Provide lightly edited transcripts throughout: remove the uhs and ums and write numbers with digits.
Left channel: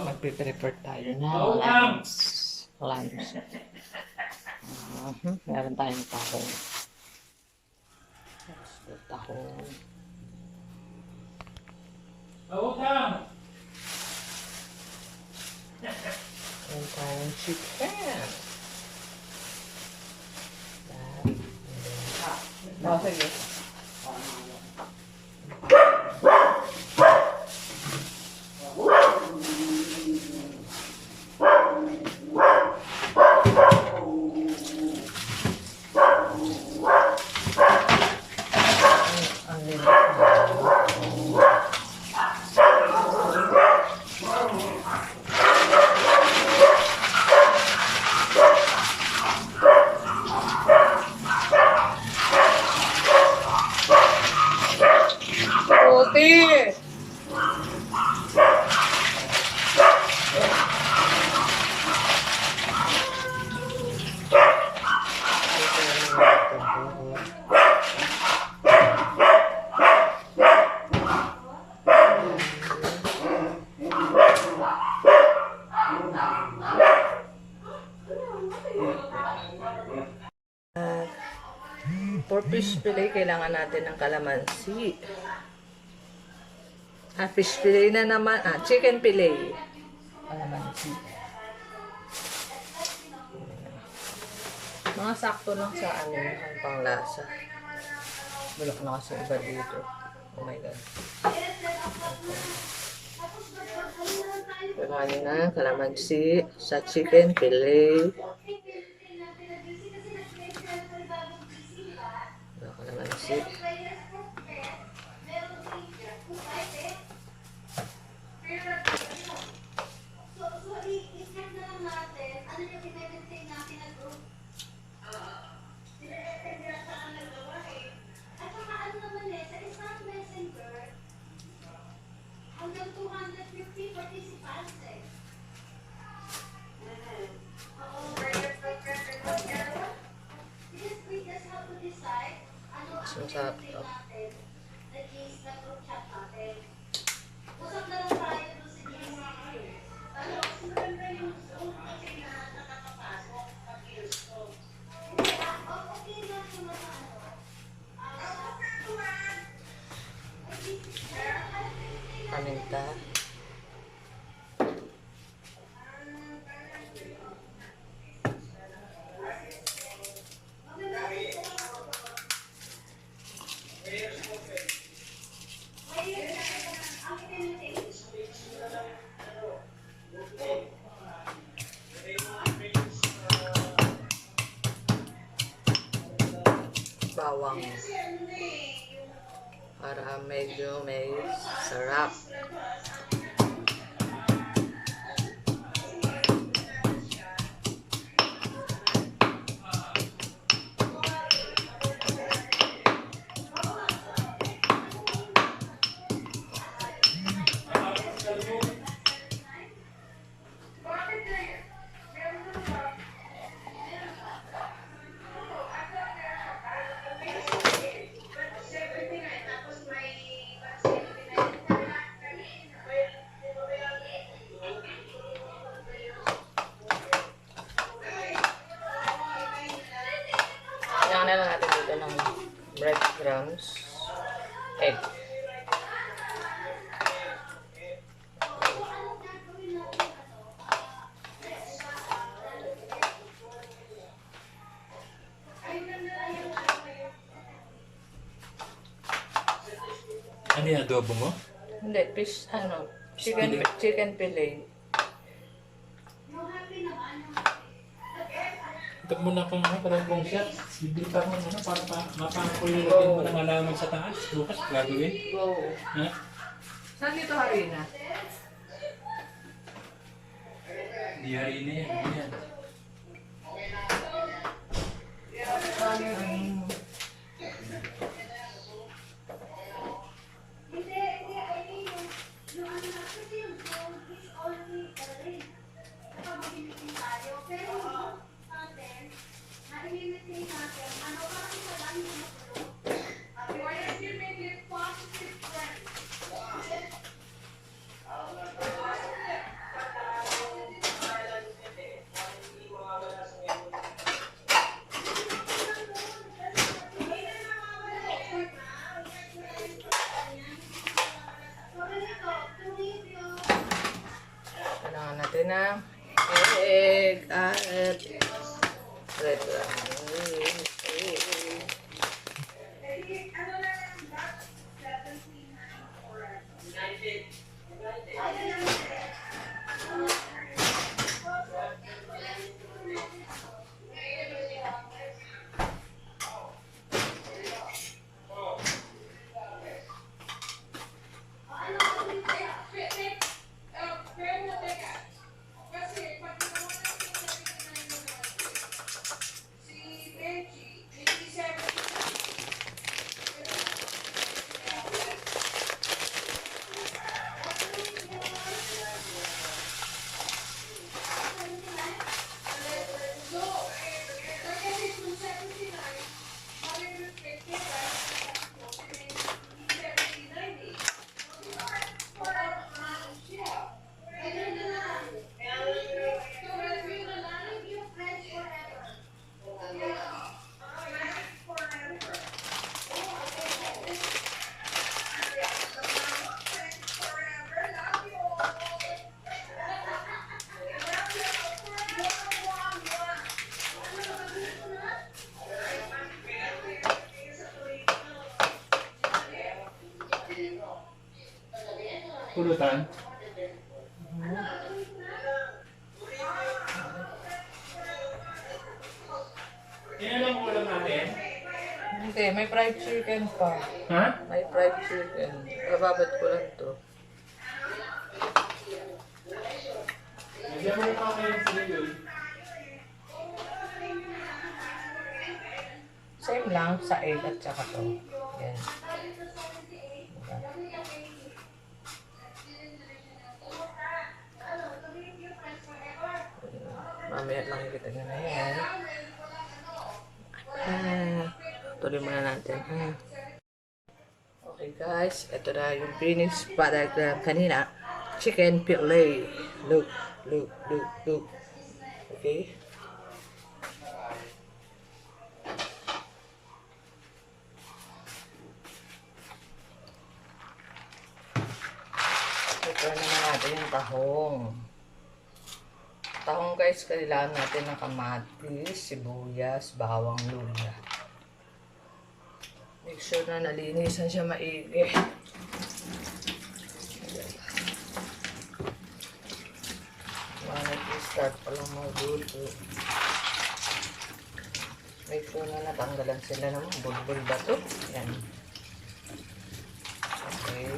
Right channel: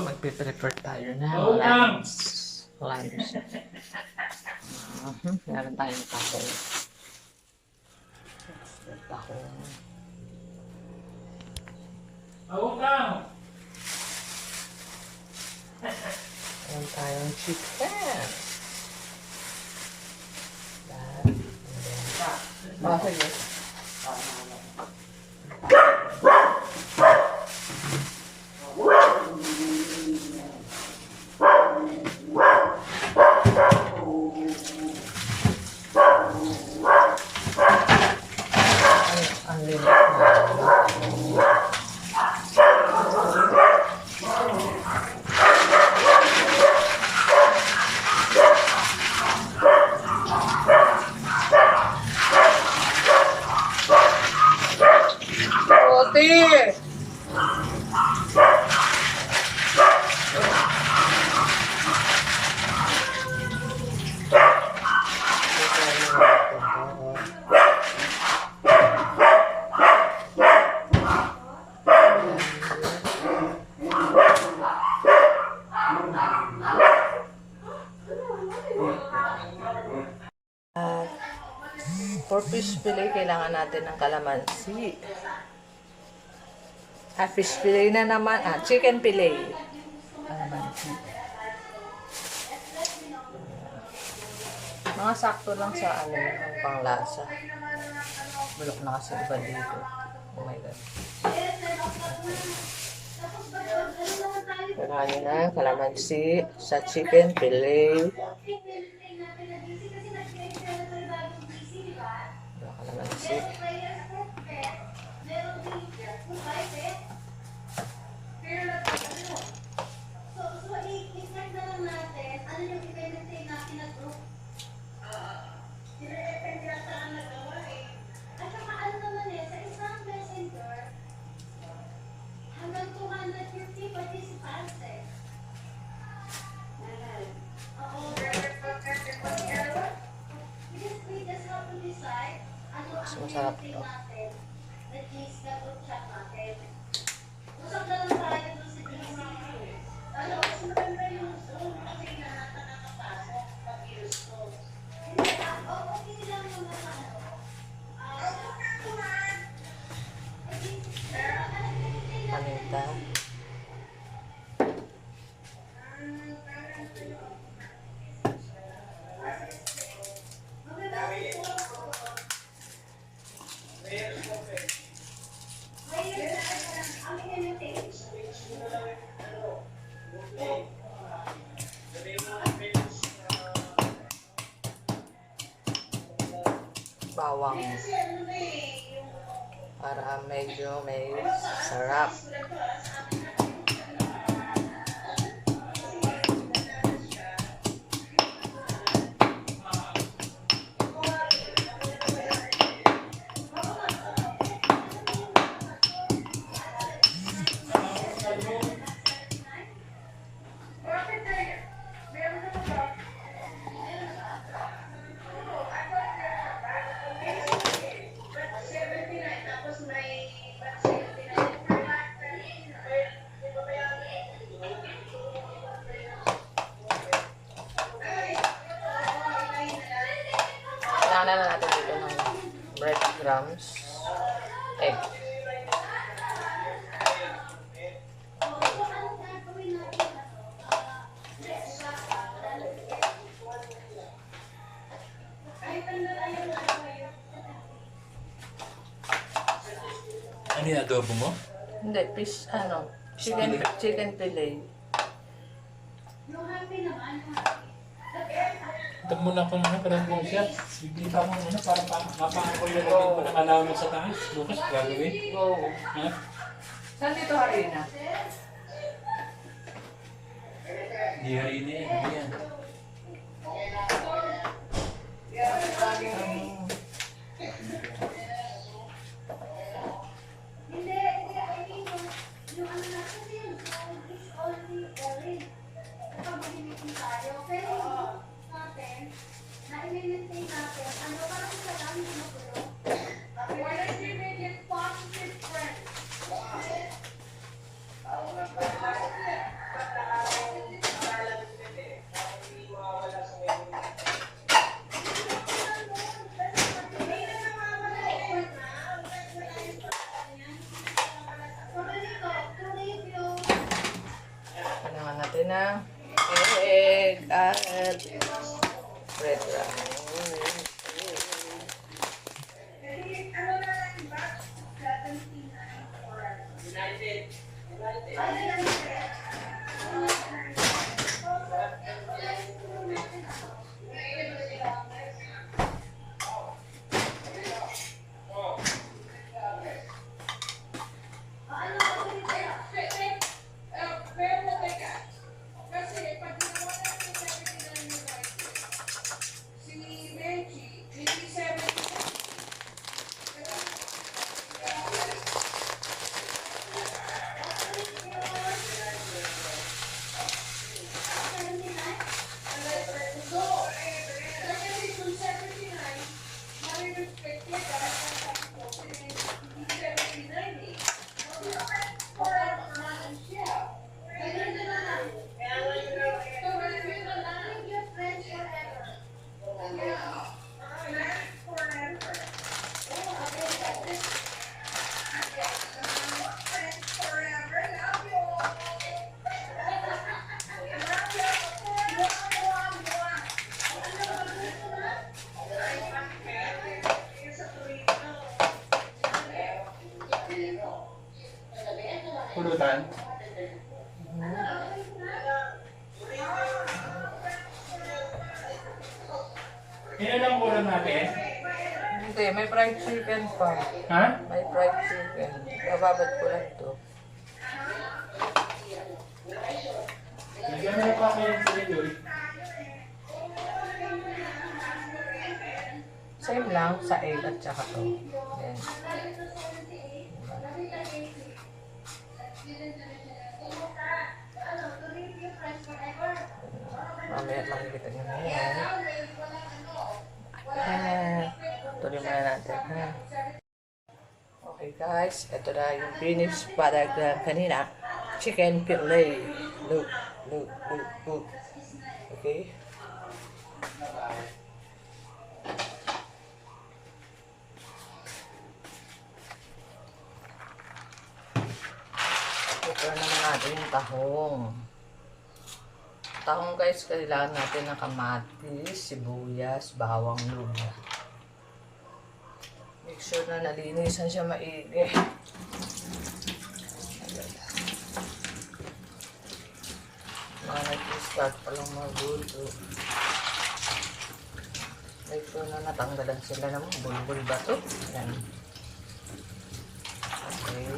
Magpe-prepare tayo na lunch. Meron tayong tahong. Tahong. Meron tayong chicken. Sige. Ang linis na. Oti! For fish fillet, kailangan natin ng kalamansi. Fish fillet na naman. Chicken fillet. Kalamansi. Mga sakto lang sa ang panglasa. Bulok na kasi iba dito. Oh my God. Kailangan na kalamansi sa chicken fillet. Kalamansi. Masarap to. Paninta. Bawang para medyo may sarap. Kailangan na natin dito ng breadcrumbs, egg. Ano yung adobo mo? Hindi, fish, chicken fillet. Tag mo na kung parang kung siya. Bibili ka ng para mapaan ko yung lagyan ko ng alaman sa taas. Bukas gagawin. Go. Ha? Saan dito harina? Di harina yan. Ayan. natin ng egg at red lang. Pulutan. Yan ang ulam natin. Hindi, may fried chicken pa. Ha? May fried chicken. Bababad ko lang to. Lagyan mo pa kayo sa ligol. Same lang sa egg at saka to. Yan. Mamaya makikita nyo na yan. Tuloy muna natin. Okay guys, ito na yung finished product na kanina. Chicken fillet. Look. Okay. Ito naman natin yung tahong. Tahong guys, kailangan natin ng kamatis, sibuyas, bawang, luya. Make sure na nalinisan siya maigi. Nag-start pa lang magulo. Make sure na natanggalan sila ng bulbul ba ito. Yan. Okay.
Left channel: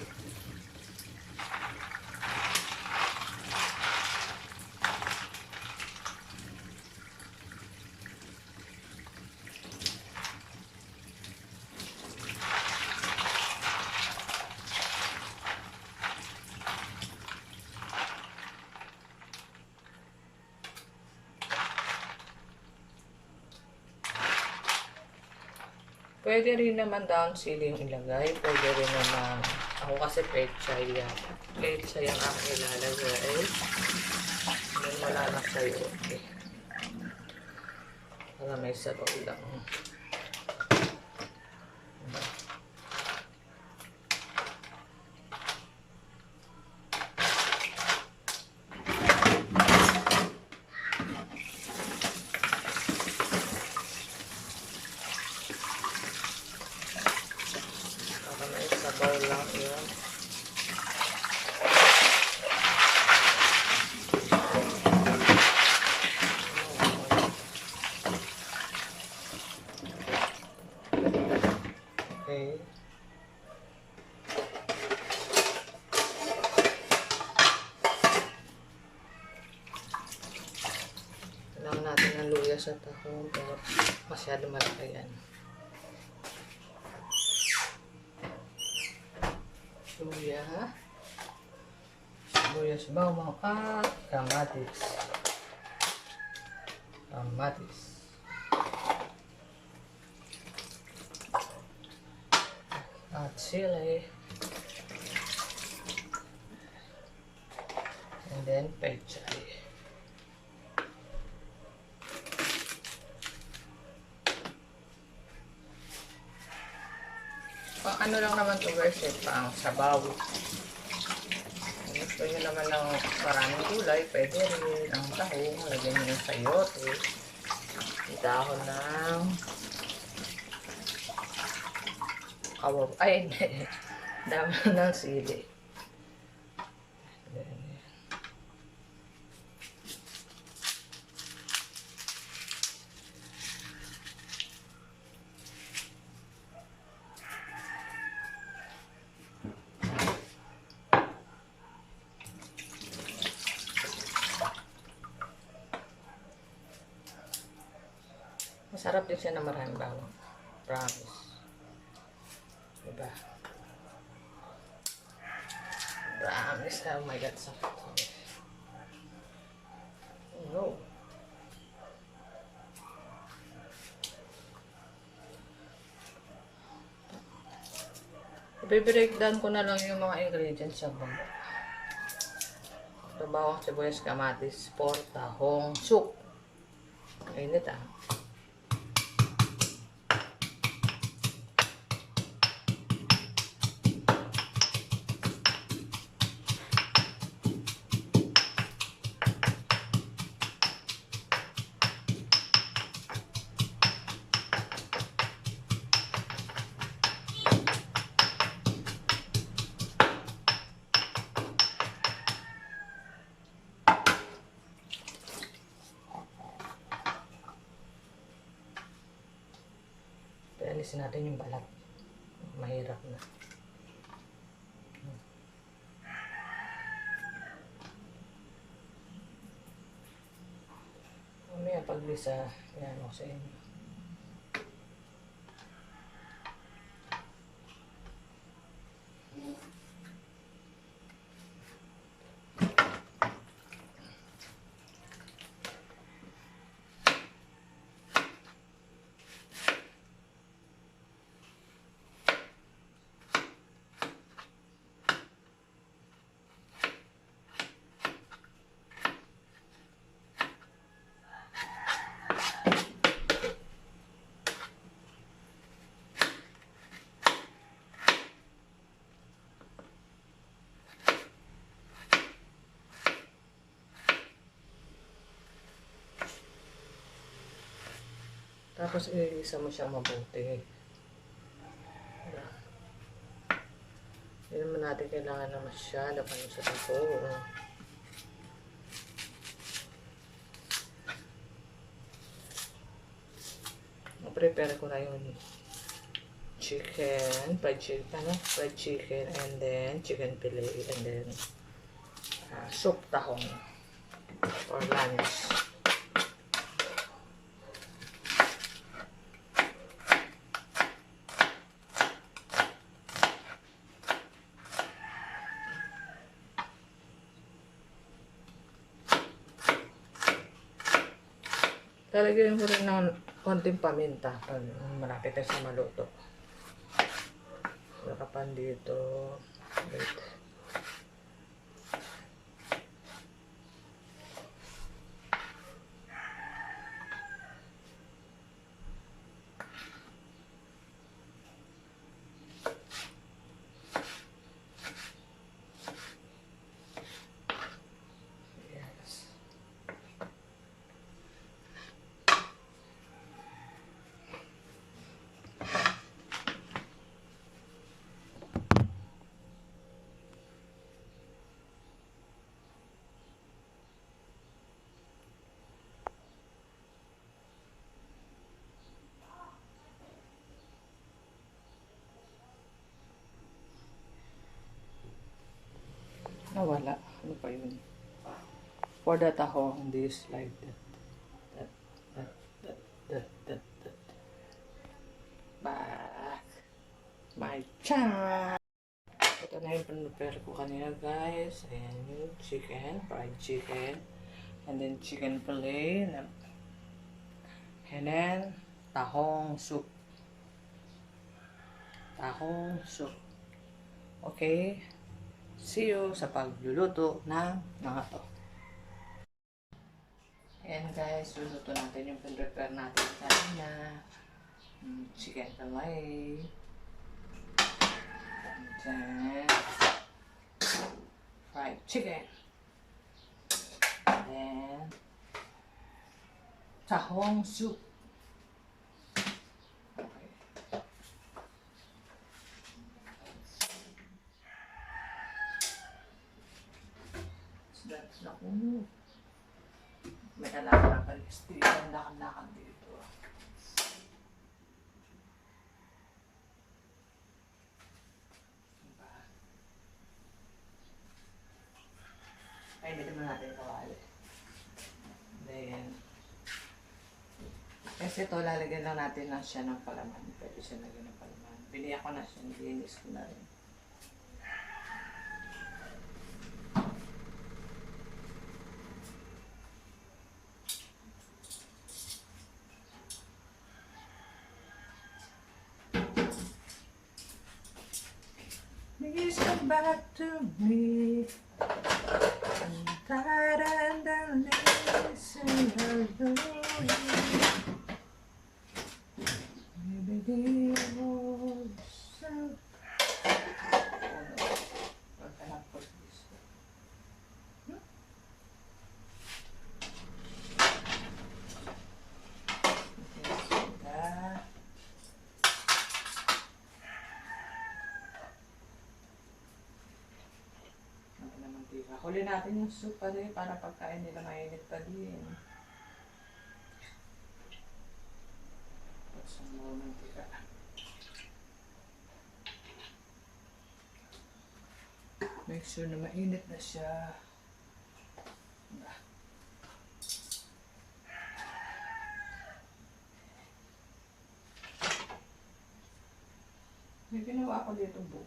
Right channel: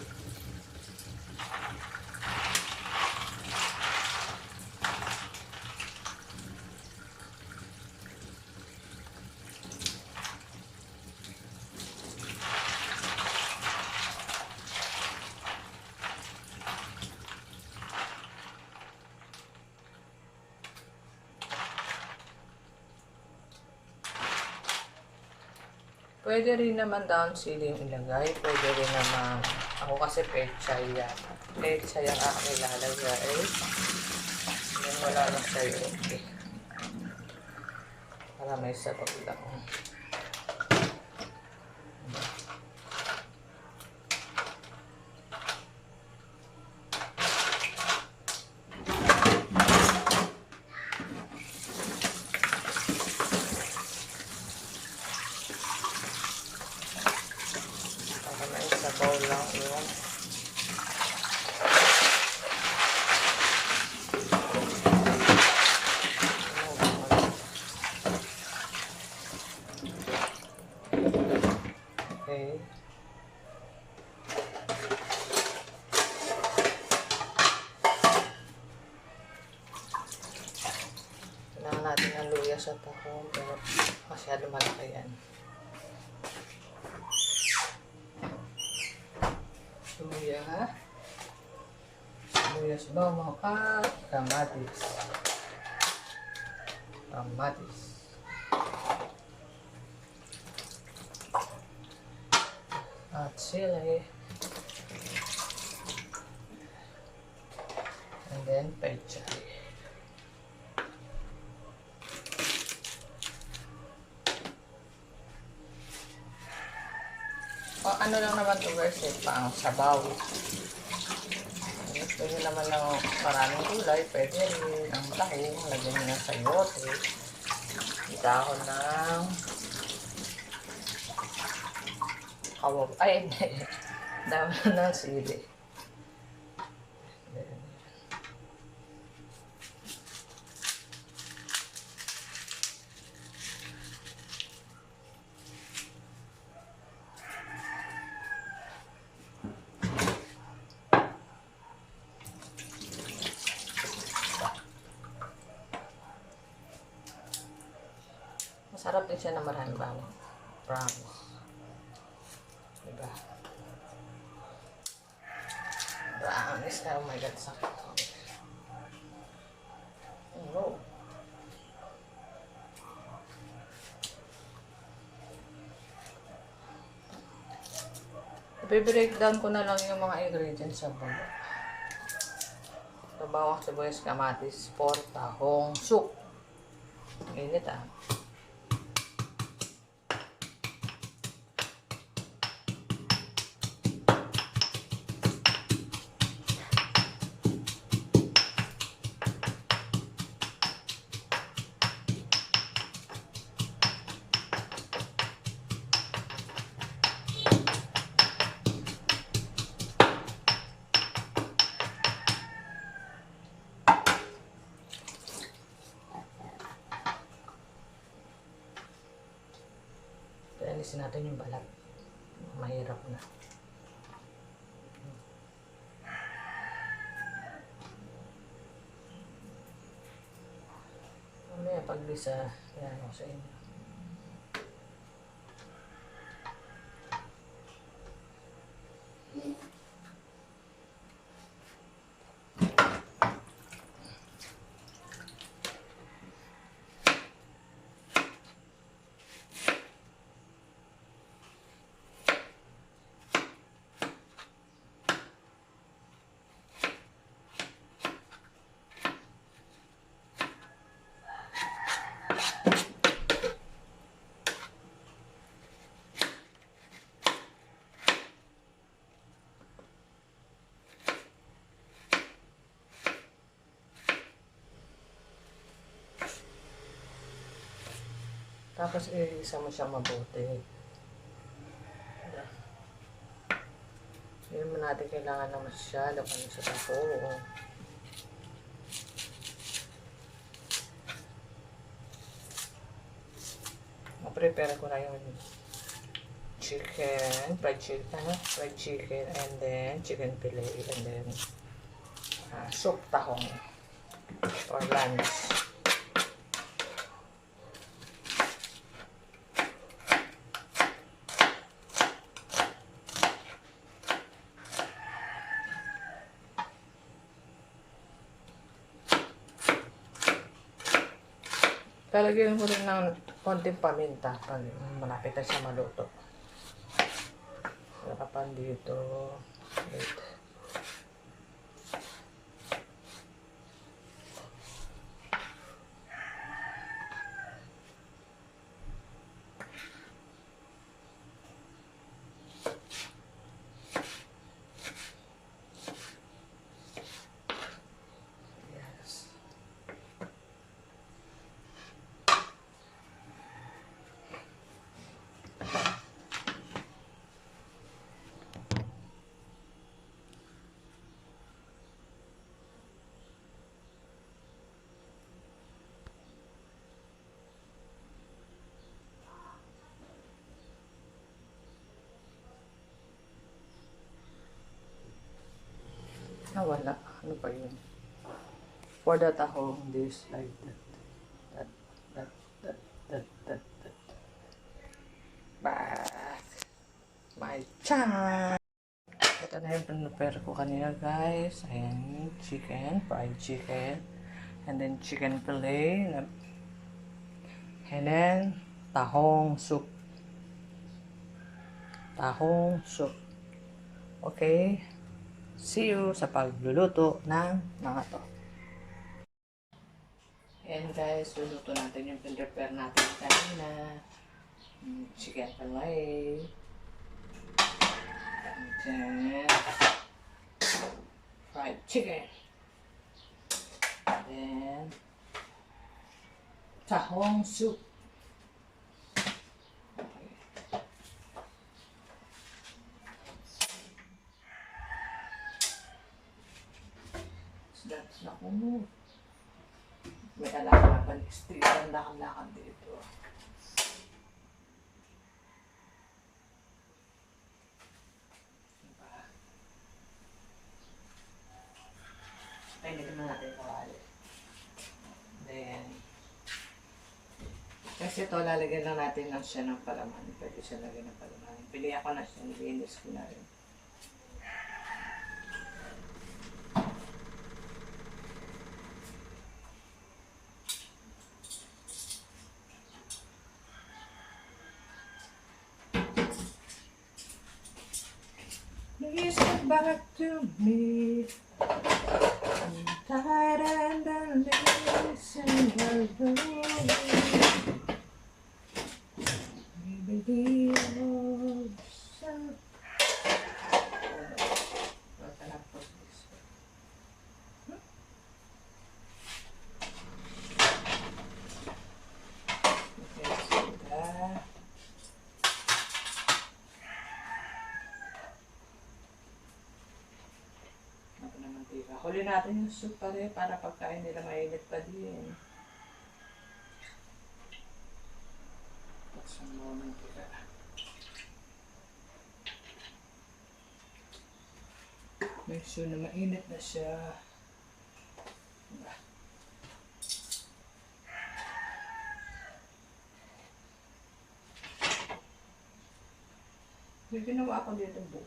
Pwede rin naman down ceiling ilagay. Pwede rin naman, ako kasi pechay yan. Pechay ang aking ilalagay. Yan wala na sa'yo. Okay. Para may sabaw lang. Sabaw lang yun. Okay. Kailangan natin ng luya sa tahong pero masyado malaki yan. Luya, sibuyas, bawang at kamatis. At sili. And then pechay. Ano lang naman ito guys, pang sabaw. Ano Gusto nyo naman ng maraming gulay, pwede rin. Ang tahong, lagyan nyo ng sayote. Dahon ng kawab. Ay, hindi. Dahon ng sili. Masarap din siya na maraming bawang. Promise. Diba? Promise. Oh my God, sakit. Oh no. I-breakdown ko na lang yung mga ingredients sa baba. Ito, bawang, sibuyas, kamatis, pork, tahong, soup. Init ah. Alisin natin yung balat. Mahirap na. Mamaya paglisa, yan ako sa inyo. Tapos iisa mo siyang mabuti. Hindi naman natin kailangan na masyado kami sa tapo. Prepare ko na yung chicken, fried chicken, and then chicken fillet, and then soup tahong for lunch. Talagyan ko rin ng konting paminta pag malapit na siya maluto. Sarapan dito. Wait. Nawala. Ano pa yun? For the tahong, this like that. That. Back. My time. Ito na yung prepare ko kanina, guys. Ayan, chicken, fried chicken. And then chicken fillet. And then tahong soup. Tahong soup. Okay? See you sa pagluluto ng mga to. And guys, luluto natin yung prepare natin kanina. Chicken fillet. And then fried chicken. Then, tahong soup. Okay. So that's na kuno. May alaga pa. Street ang lakad-lakad dito. Diba? Ay, hindi naman natin kawali. Then, kasi ito, lalagyan lang natin lang siya ng palaman. Pwede siya lagyan ng palaman. Pili ako na siya, nilinis ko na rin. Please come back to me. I'm tired and listen alone. Maybe yourself. What can I put this? Okay, so that. Huli natin yung soup pa rin para pagkain nila mainit pa din. Tapos ang mga mantika. Make sure na mainit na siya. Diba? May ginawa ako dito buo.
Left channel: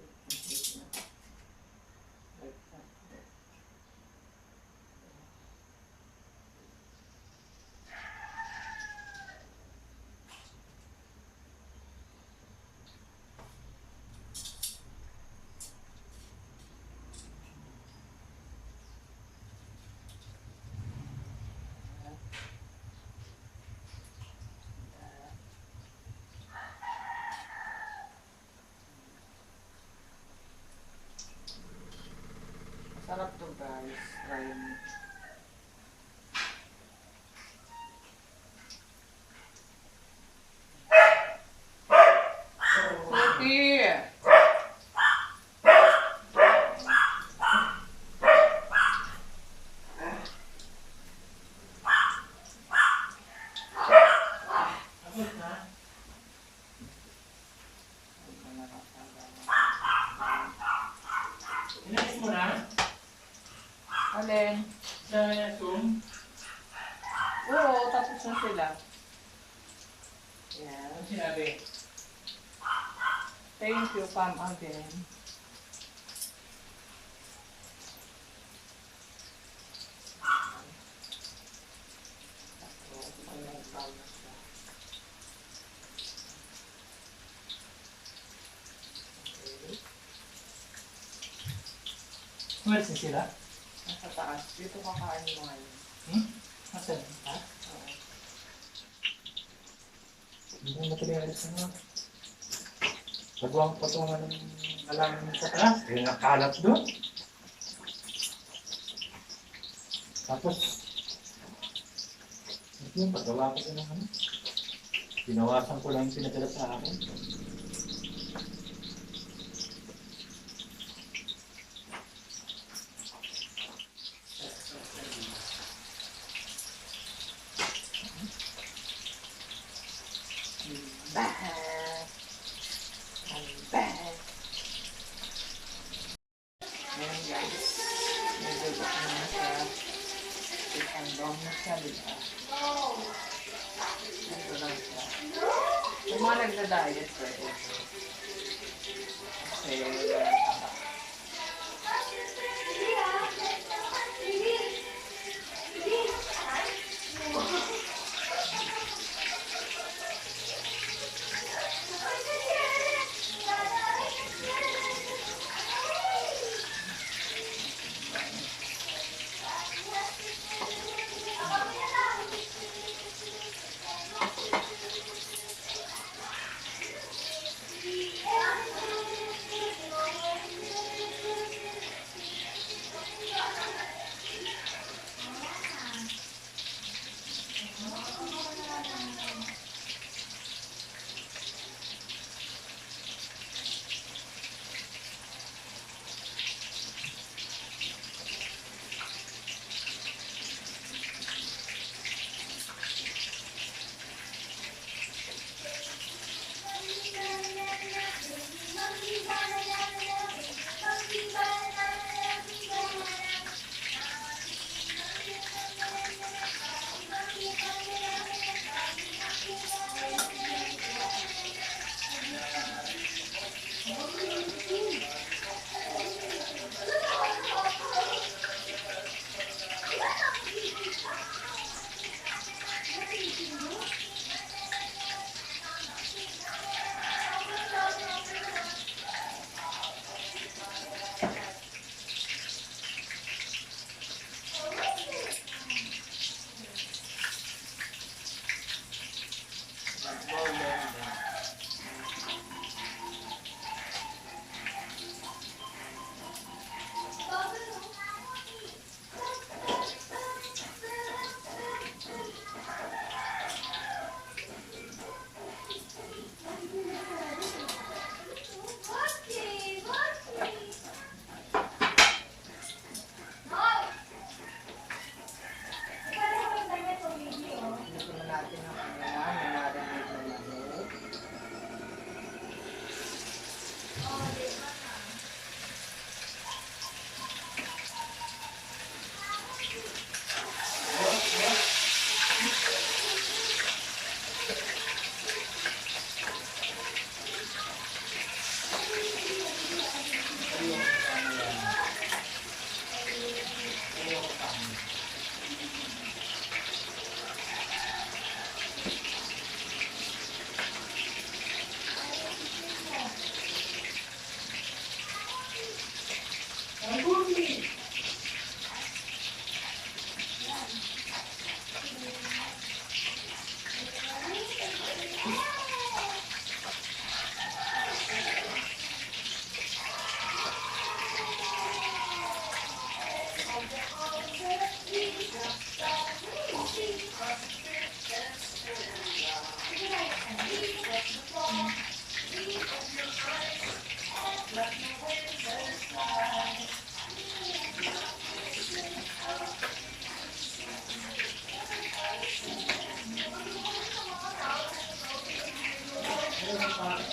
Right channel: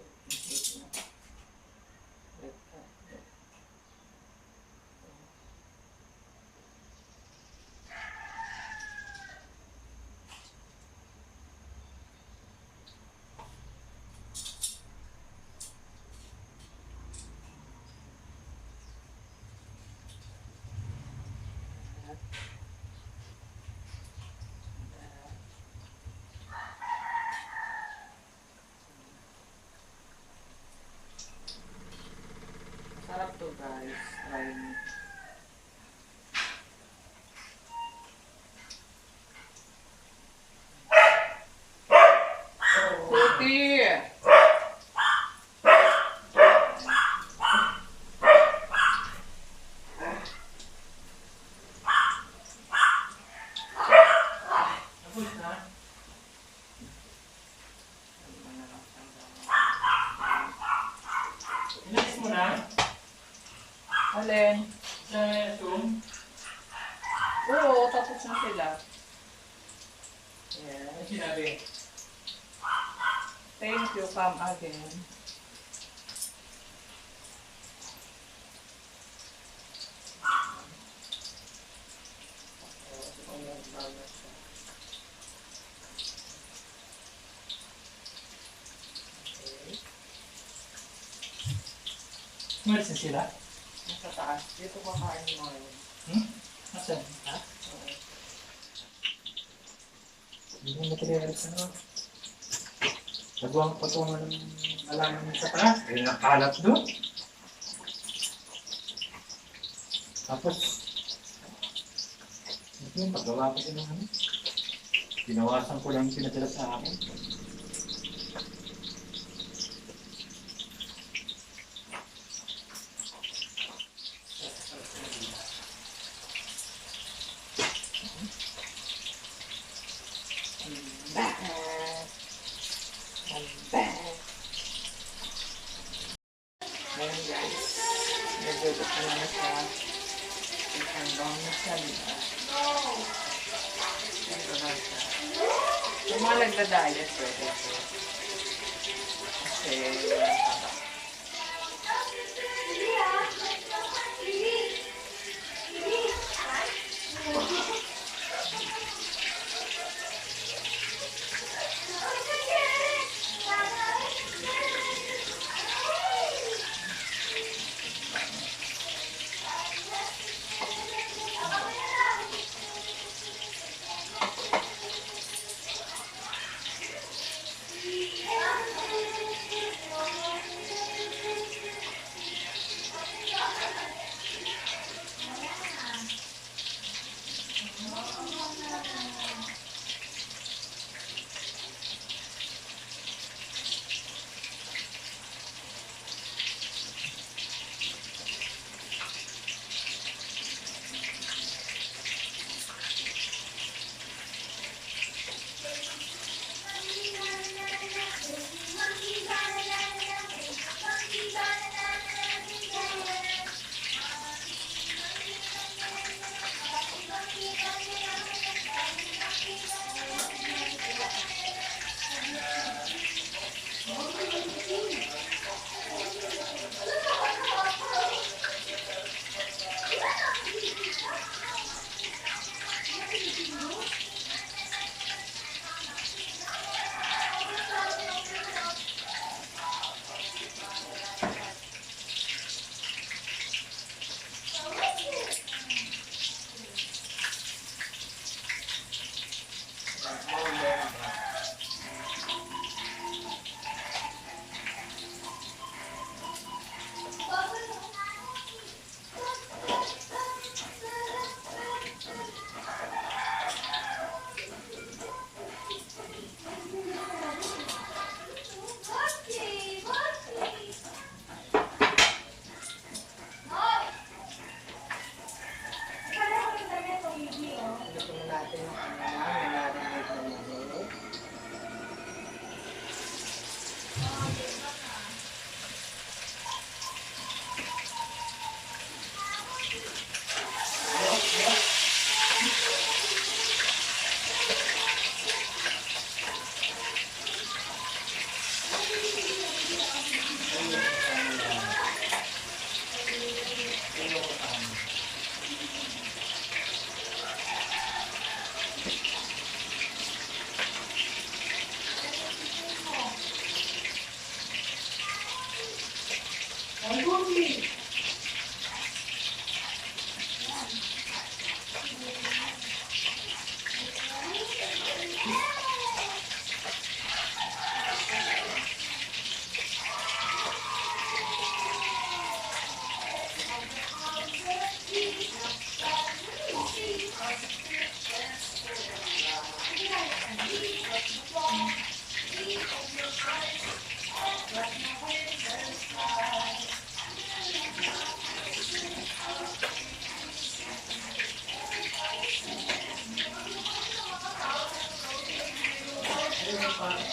Sarap to guys. Try mo. Puti! Tapos na. Inalis mo na? Alin? Sa Zoom? Oo, tapos na sila. Ano Yes. sinabi? Thank you, come again. Tapos, ayan, bago siya. Okay. Umalis na sila? Nasa taas. Dito kakain mo ngayon. Nasaan? Ha? Oo. Hindi mo materialis ano. Patuwang ng alaman sa taas. Eh, nakalat doon. Tapos, yun, paggawa ko din ng ano. Binawasan ko lang yung pinadala sa akin. Back. I'm back. Ngayon guys, nagdudok na na siya. Chicken bone na siya, diba? Ito lang siya. Yung mga nagda-diet, pwede ito. Kasi walang taba.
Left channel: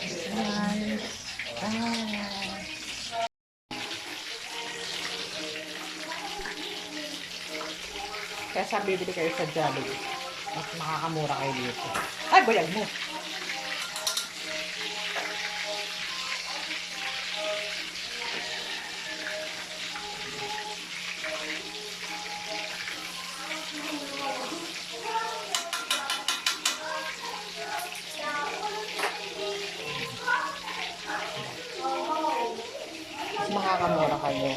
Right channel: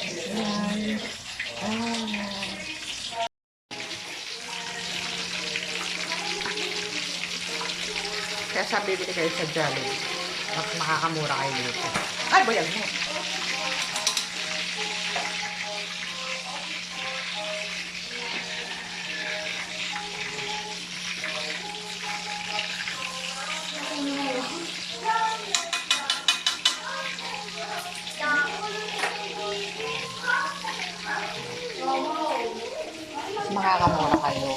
Ayan. Ayan. Kaya sabi, bibili kayo sa Jollibee. Mas makakamura kayo dito. Ay, bayag mo. Mas makakamura kayo.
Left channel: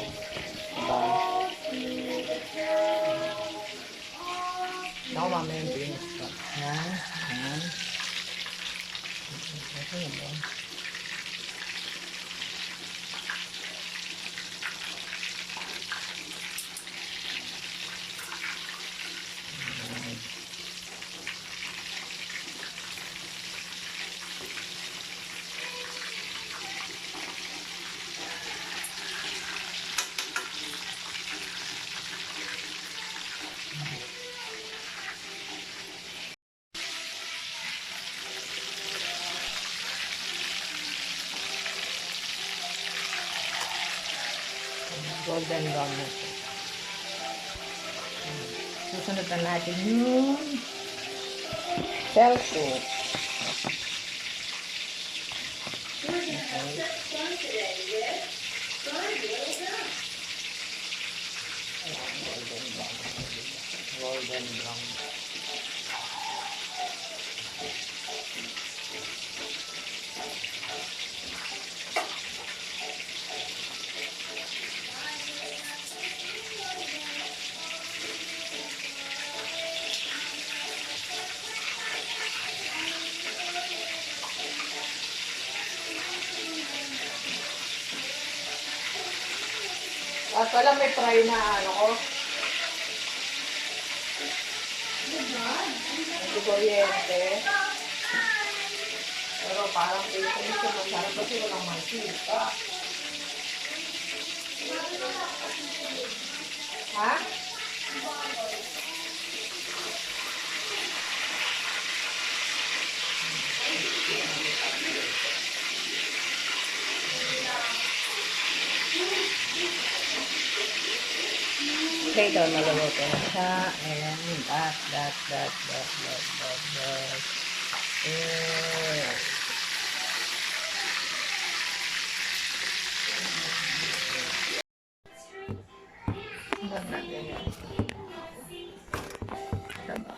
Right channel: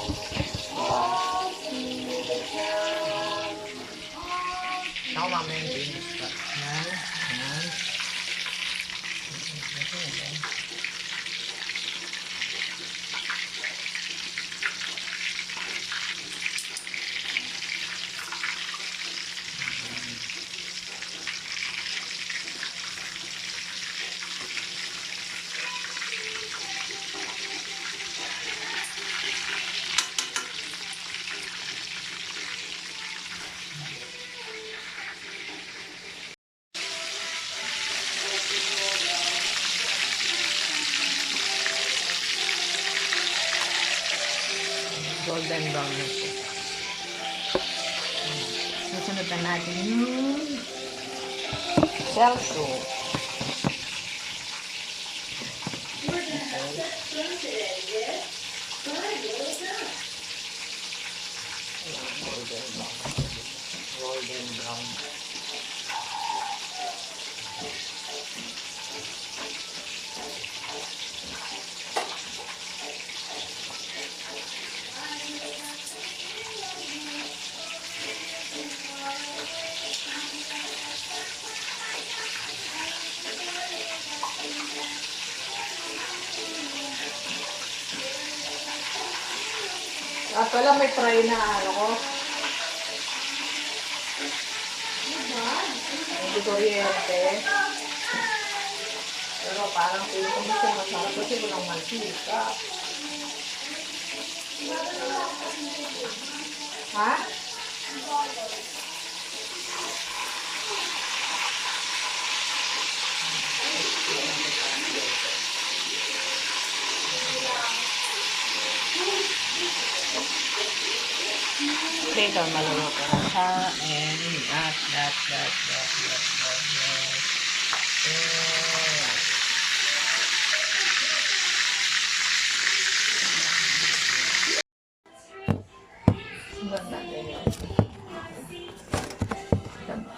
Diba? Ako mamaya yung pinis pa. Yan. Yan. Yan. Golden brown na po. Susunod na natin yung selso. Golden brown. At wala may fry na ano ko. Hindi kuryente. Pero parang feeling ko siya masarap kasi walang mantika. Ha? Ito, naluluto na siya. And that. Ganda din yun. Diba?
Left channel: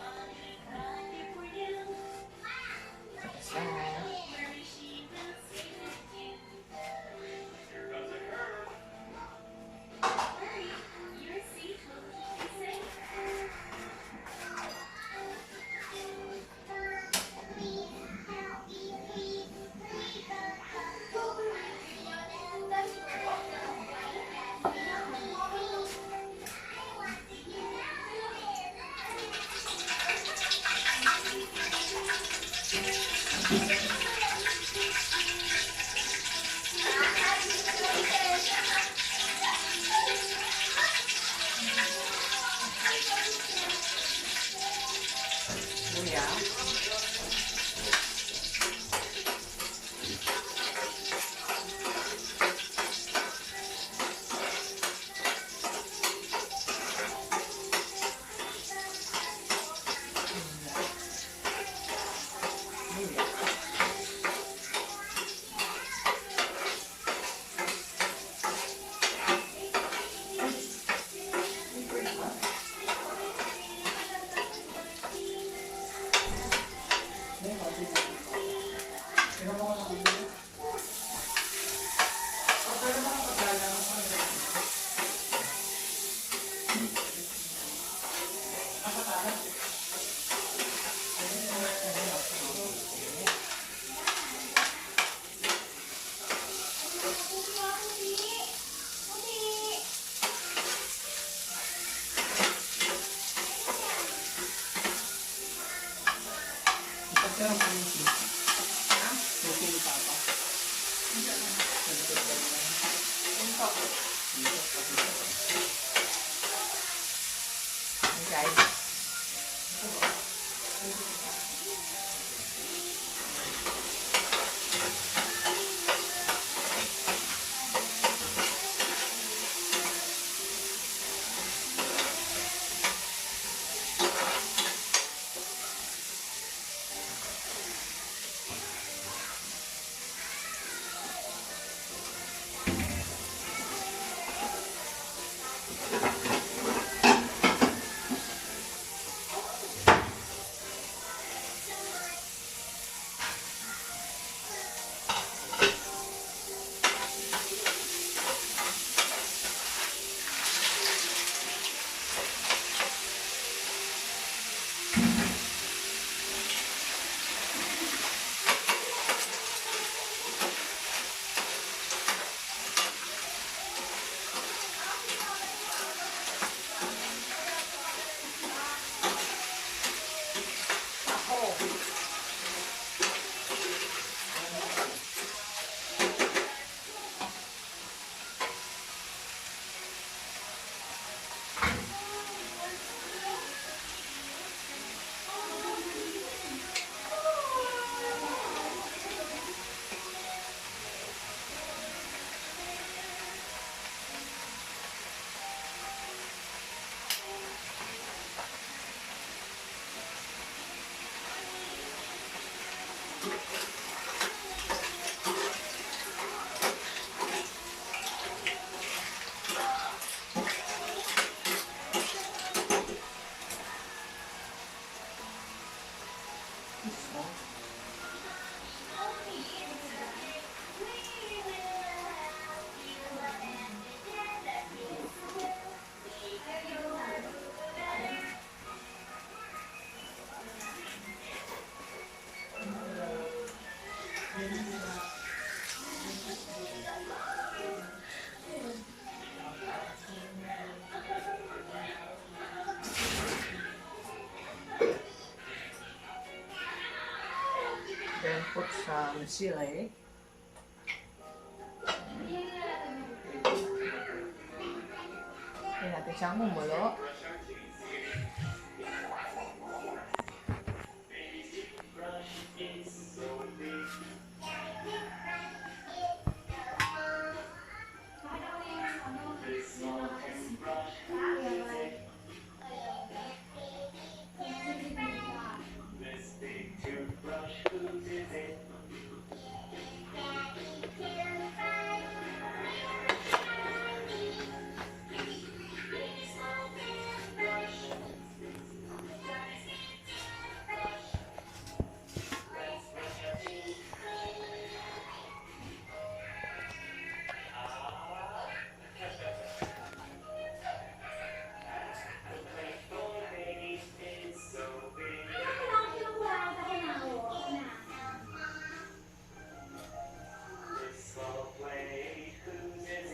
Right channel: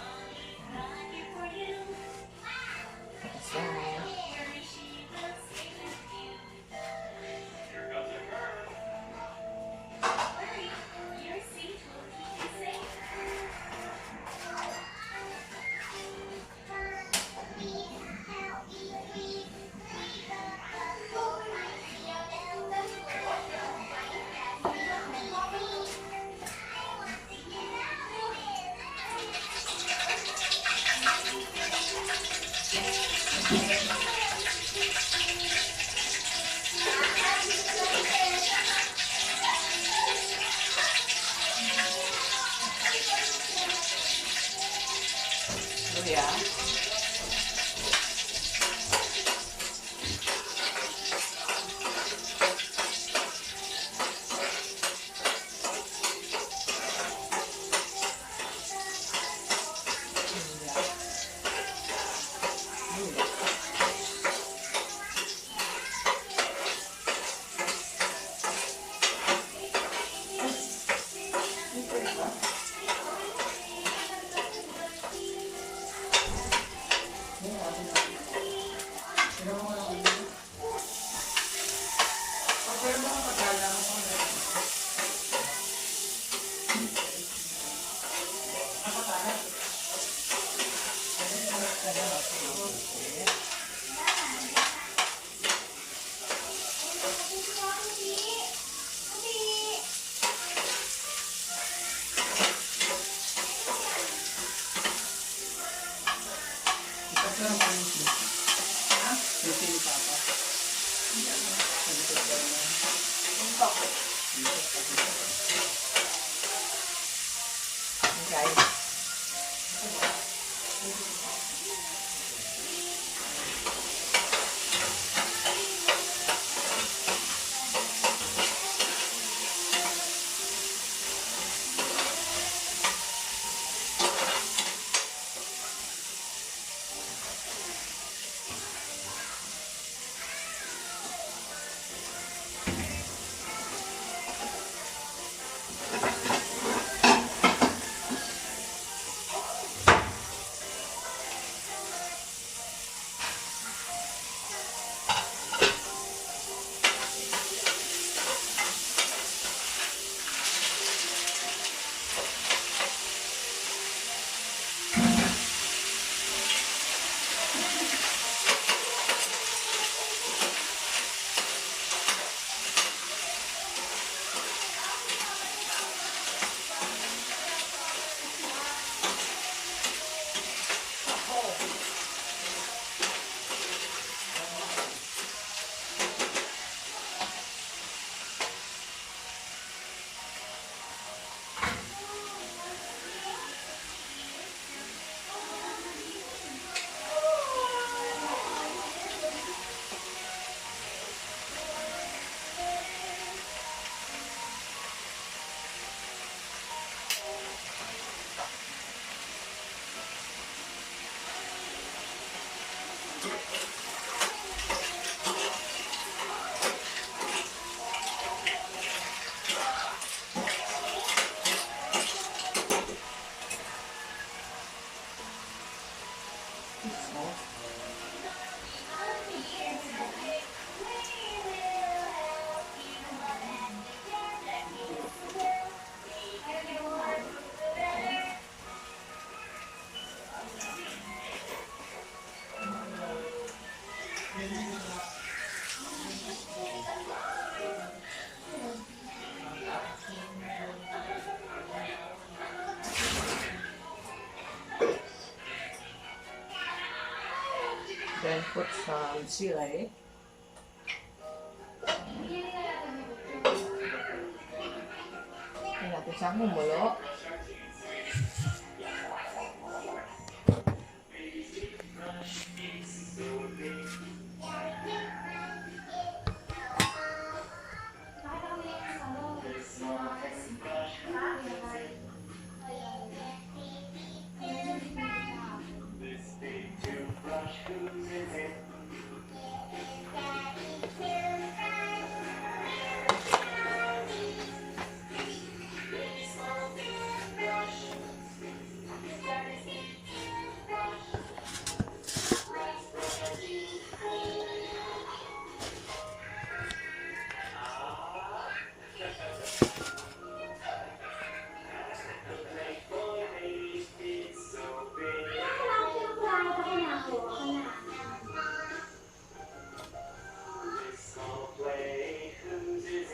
Luya. Guys. and put some chili. Hindi natin siyang mumulo.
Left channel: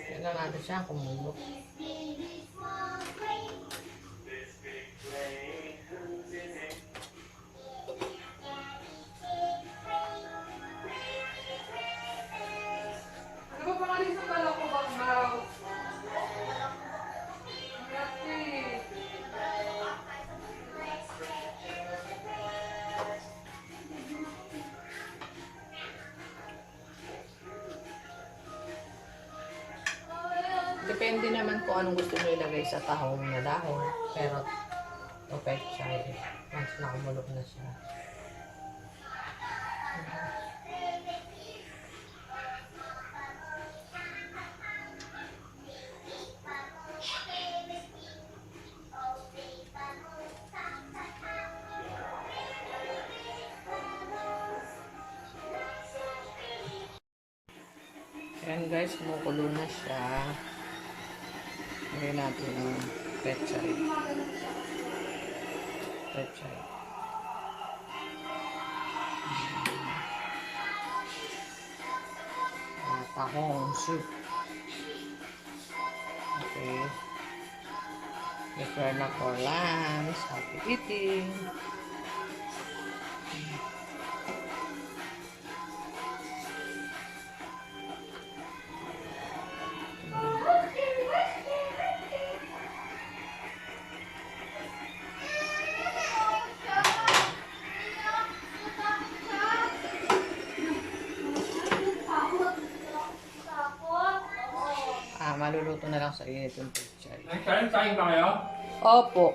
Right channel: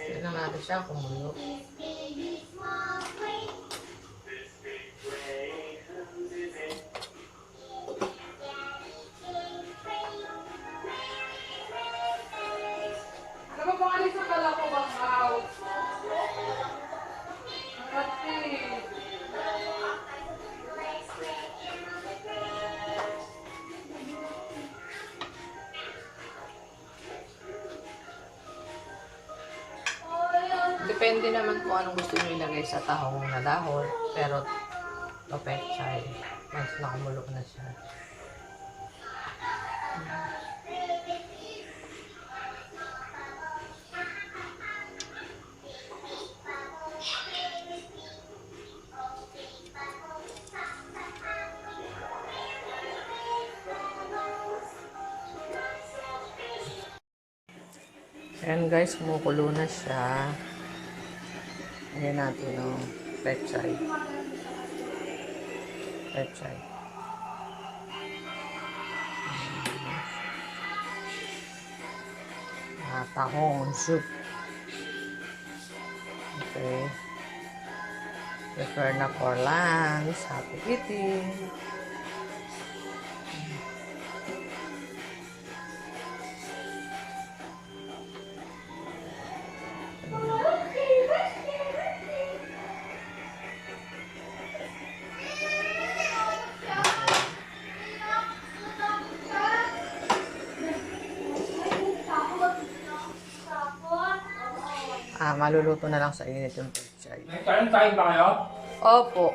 Tignan natin siya kumulo. Ano ba pangalit sa pala ko bang house? Kasi... Depende naman kung anong gusto nyo ilagay sa tahong na dahon. Pero, to pechay. Once nakumulok na siya. Ayan guys, kumukulo na siya. Lagyan natin yung pechay. Pechay. Tahong soup. Okay. Prepare na for lunch. Happy eating! Maluluto na lang sa init yung pechay. Kain ba kayo? Opo.